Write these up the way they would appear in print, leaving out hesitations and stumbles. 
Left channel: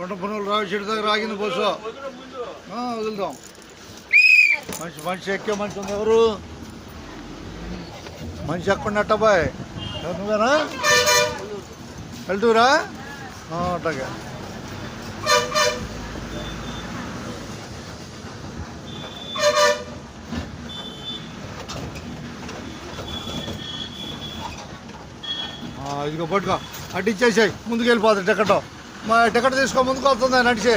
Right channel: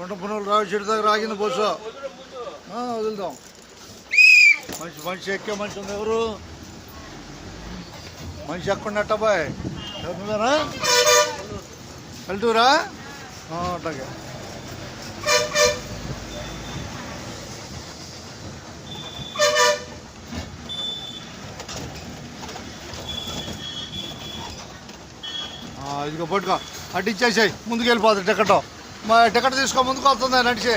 కొండ పనులు రావి చెట్టు దగ్గర ఆగింది బస్సు. వదులుతాం. మనిషి ఎక్కే మనిషి ఉంది. ఎవరు మనిషి ఎక్కడున్నట్ట బాయ్? నువ్వేనా? వెళ్తూరా అట్లాగే. ఇదిగో పట్టుకో, అటు ఇచ్చేసాయి. ముందుకు వెళ్ళిపోతుంది టికెట్. మా టికెట్ తీసుకో, ముందుకు వస్తుంది నడిచి.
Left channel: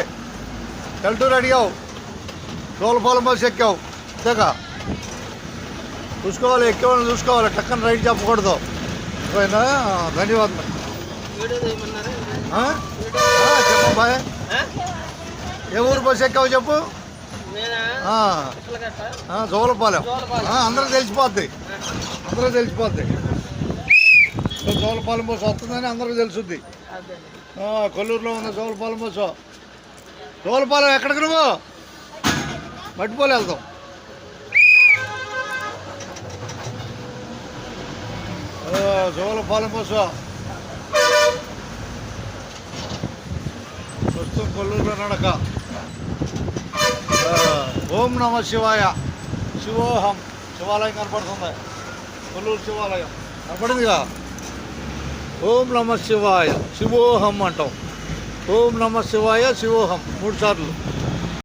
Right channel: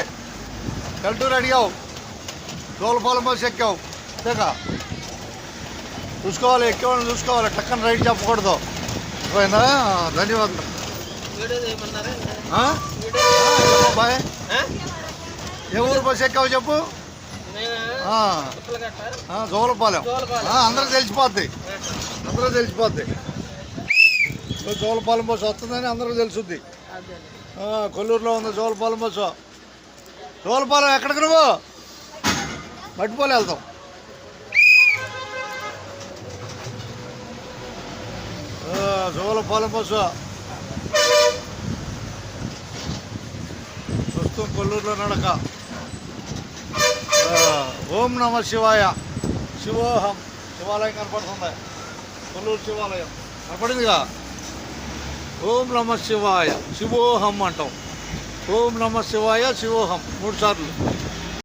వెళ్తూరు అడిగావు, తోలపాలెం బస్సు ఎక్కావు. అంతేకా చూసుకోవాలి, ఎక్కేవాళ్ళని చూసుకోవాలి. టక్కన రైట్ చెప్పకూడదు. పోయినా ధన్యవాదాలు. చెప్పు బాయ్, ఏ ఊరు బస్సు ఎక్కావు చెప్పు. జోలపాలెం. అందరూ తెలిసిపోద్ది, జోలపాలెం బస్సు వస్తుందని అందరూ తెలుసుద్ది. కొల్లూరులో ఉంది జోలపాలెం బస్సు. జోలపాలెం ఎక్కడికి నువ్వు? మట్టిపోలే వెళ్తాం. జోలపాలెం బస్సు ప్రస్తుతం కొల్లూరులో నడక. ఓం నమ శివాయ. శివోహం శివాలయం కనపడుతుంది. కొల్లూరు శివాలయం కనపడిందిగా. ఓం నమ శివాయ శివోహం అంటాం. ఓం నమ శివాయ శివోహం 3 సార్లు.